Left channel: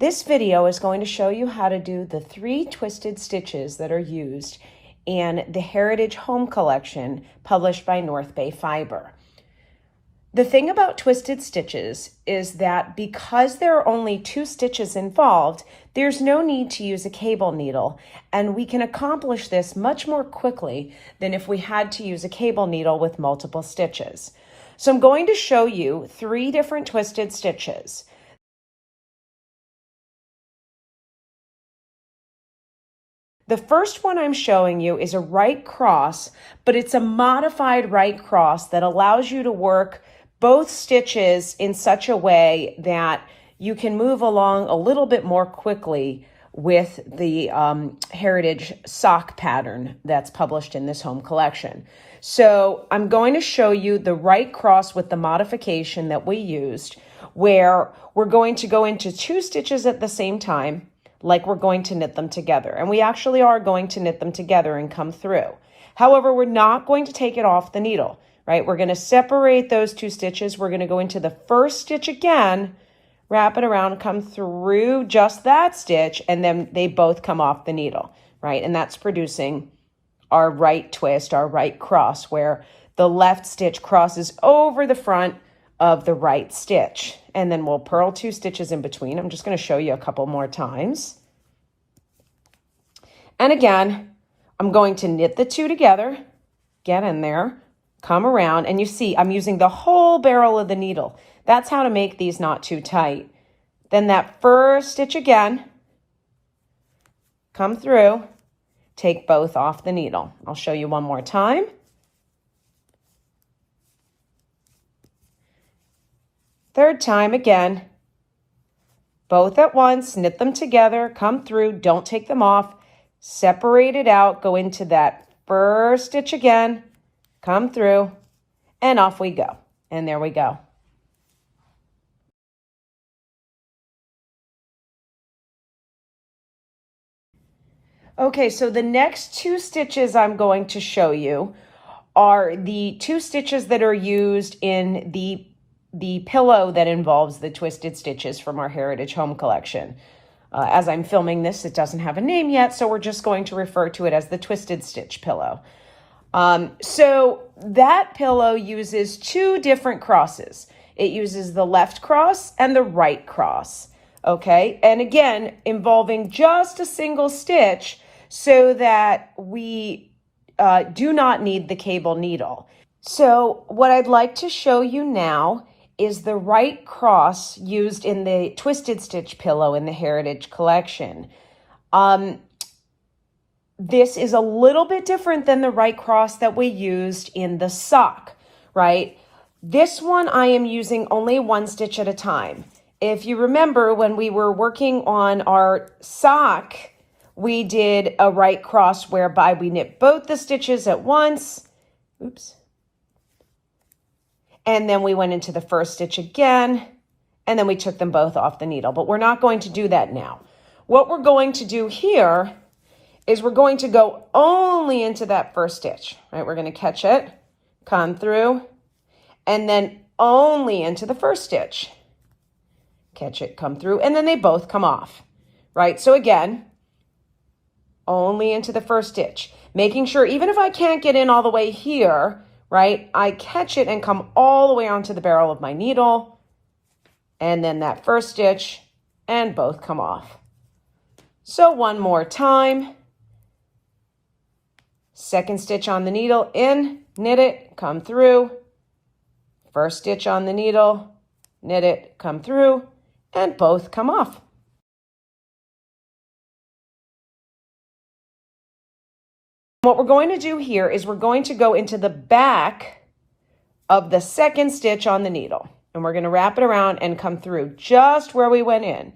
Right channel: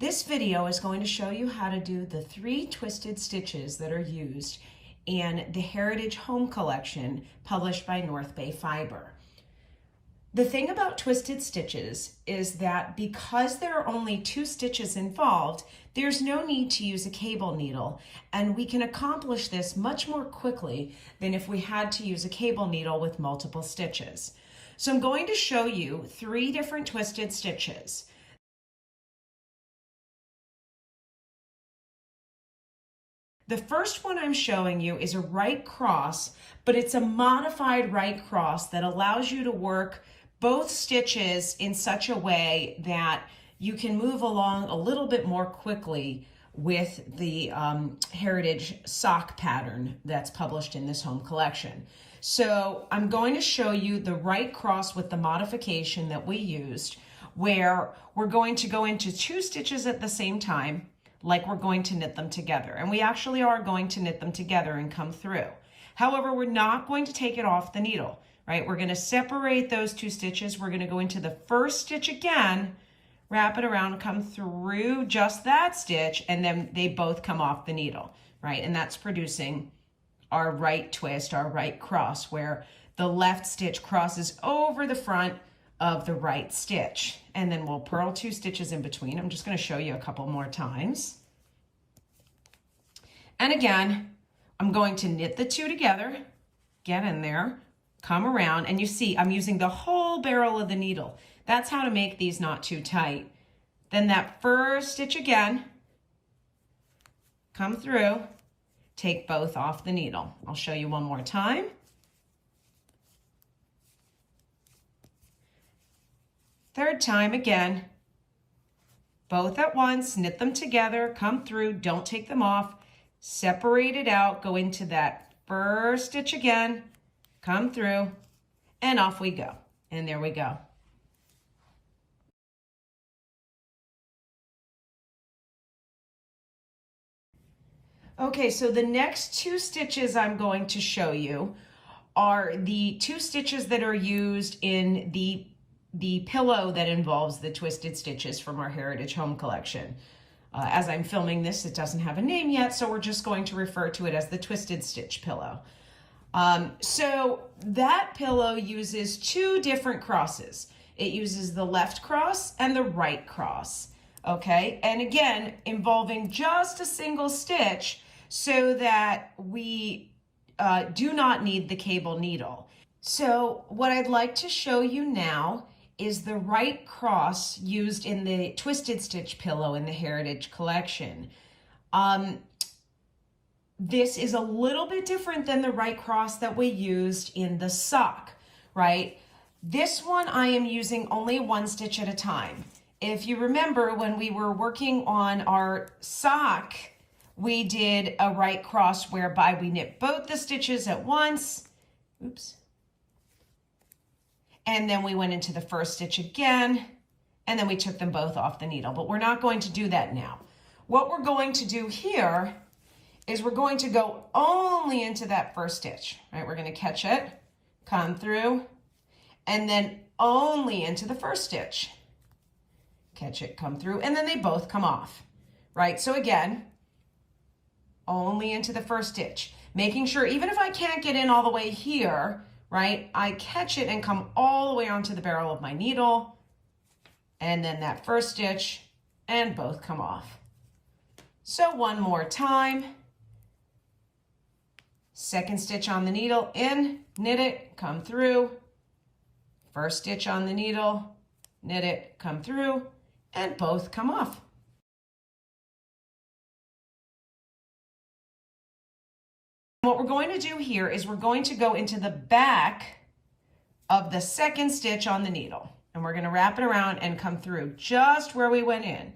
This video is going to show you how to do the 3 twisted stitches that are used in the Heritage Home Collection published by North Bay Fiber. The thing about twisted stitches is that because there are only 2 stitches involved, there's no need to use a cable needle, and we can accomplish this much more quickly than if we had to use a cable needle with multiple stitches. So I'm going to show you 3 different twisted stitches. The first one I'm showing you is a right cross, but it's a modified right cross that allows you to work both stitches in such a way that you can move along a little bit more quickly with the Heritage sock pattern that's published in this home collection. So I'm going to show you the right cross with the modification that we used, where we're going to go into 2 stitches at the same time, like we're going to knit them together. And we actually are going to knit them together and come through. However, we're not going to take it off the needle, right? We're going to separate those 2 stitches. We're going to go into the first stitch again, wrap it around, come through just that stitch, and then they both come off the needle, right? And that's producing our right twist, our right cross, where the left stitch crosses over the front of the right stitch. And then we'll purl 2 stitches in between. I'm just going to show you a couple more times. And again, I'm going to knit the 2 together, get in there, come around, and you see I'm using the whole barrel of the needle. That's how to make these not too tight. Then that first stitch again, come through, take both off the needle. I'll show you one more time. Third time again, both at once, knit them together, come through, don't take them off, separate it out, go into that first stitch again, come through, and off we go. And there we go. Okay, so the next 2 stitches I'm going to show you are the 2 stitches that are used in the pillow that involves the twisted stitches from our Heritage Home Collection. As I'm filming this, it doesn't have a name yet, so we're just going to refer to it as the Twisted Stitch pillow. So that pillow uses 2 different crosses. It uses the left cross and the right cross, okay? And again, involving just a single stitch so that we do not need the cable needle. So what I'd like to show you now is the right cross used in the Twisted Stitch pillow in the Heritage Collection. This is a little bit different than the right cross that we used in the sock, right? This one I am using only 1 stitch at a time. If you remember when we were working on our sock, we did a right cross whereby we knit both the stitches at once. Oops. And then we went into the first stitch again, and then we took them both off the needle. But we're not going to do that now. What we're going to do here is we're going to go only into that first stitch, right? We're going to catch it, come through, and then only into the first stitch. Catch it, come through, and then they both come off, right? So again, only into the first stitch, making sure even if I can't get in all the way here, right, I catch it and come all the way onto the barrel of my needle, and then that first stitch, and both come off. So one more time. Second stitch on the needle, in, knit it, come through. First stitch on the needle, knit it, come through, and both come off. What we're going to do here is we're going to go into the back of the second stitch on the needle, and we're going to wrap it around and come through just where we went in,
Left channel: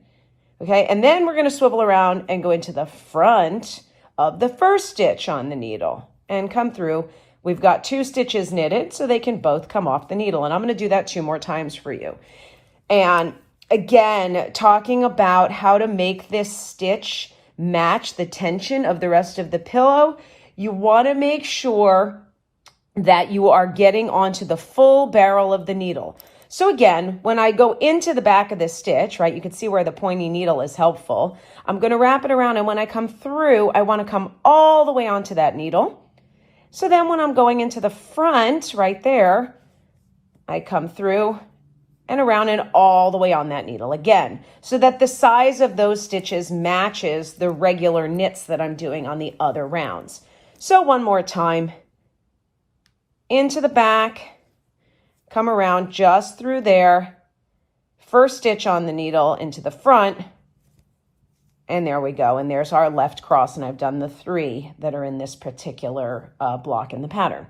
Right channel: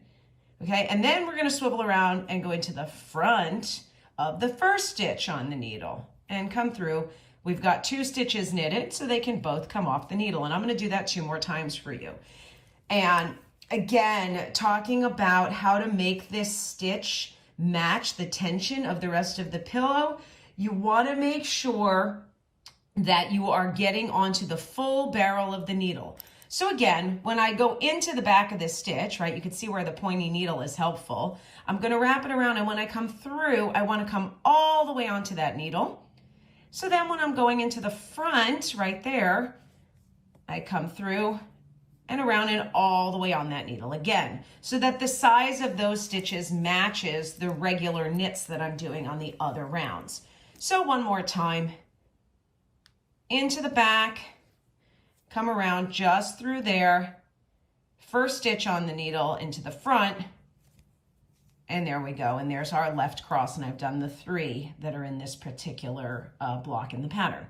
okay? And then we're going to swivel around and go into the front of the first stitch on the needle and come through. We've got 2 stitches knitted, so they can both come off the needle, and I'm going to do that 2 more times for you. And again, talking about how to make this stitch match the tension of the rest of the pillow, you want to make sure that you are getting onto the full barrel of the needle. So again, when I go into the back of this stitch, right, you can see where the pointy needle is helpful. I'm going to wrap it around, and when I come through, I want to come all the way onto that needle. So then when I'm going into the front right there, I come through and around and all the way on that needle again, so that the size of those stitches matches the regular knits that I'm doing on the other rounds. So one more time, into the back, come around just through there, first stitch on the needle into the front, and there we go. And there's our left cross, and I've done the 3 that are in this particular block in the pattern.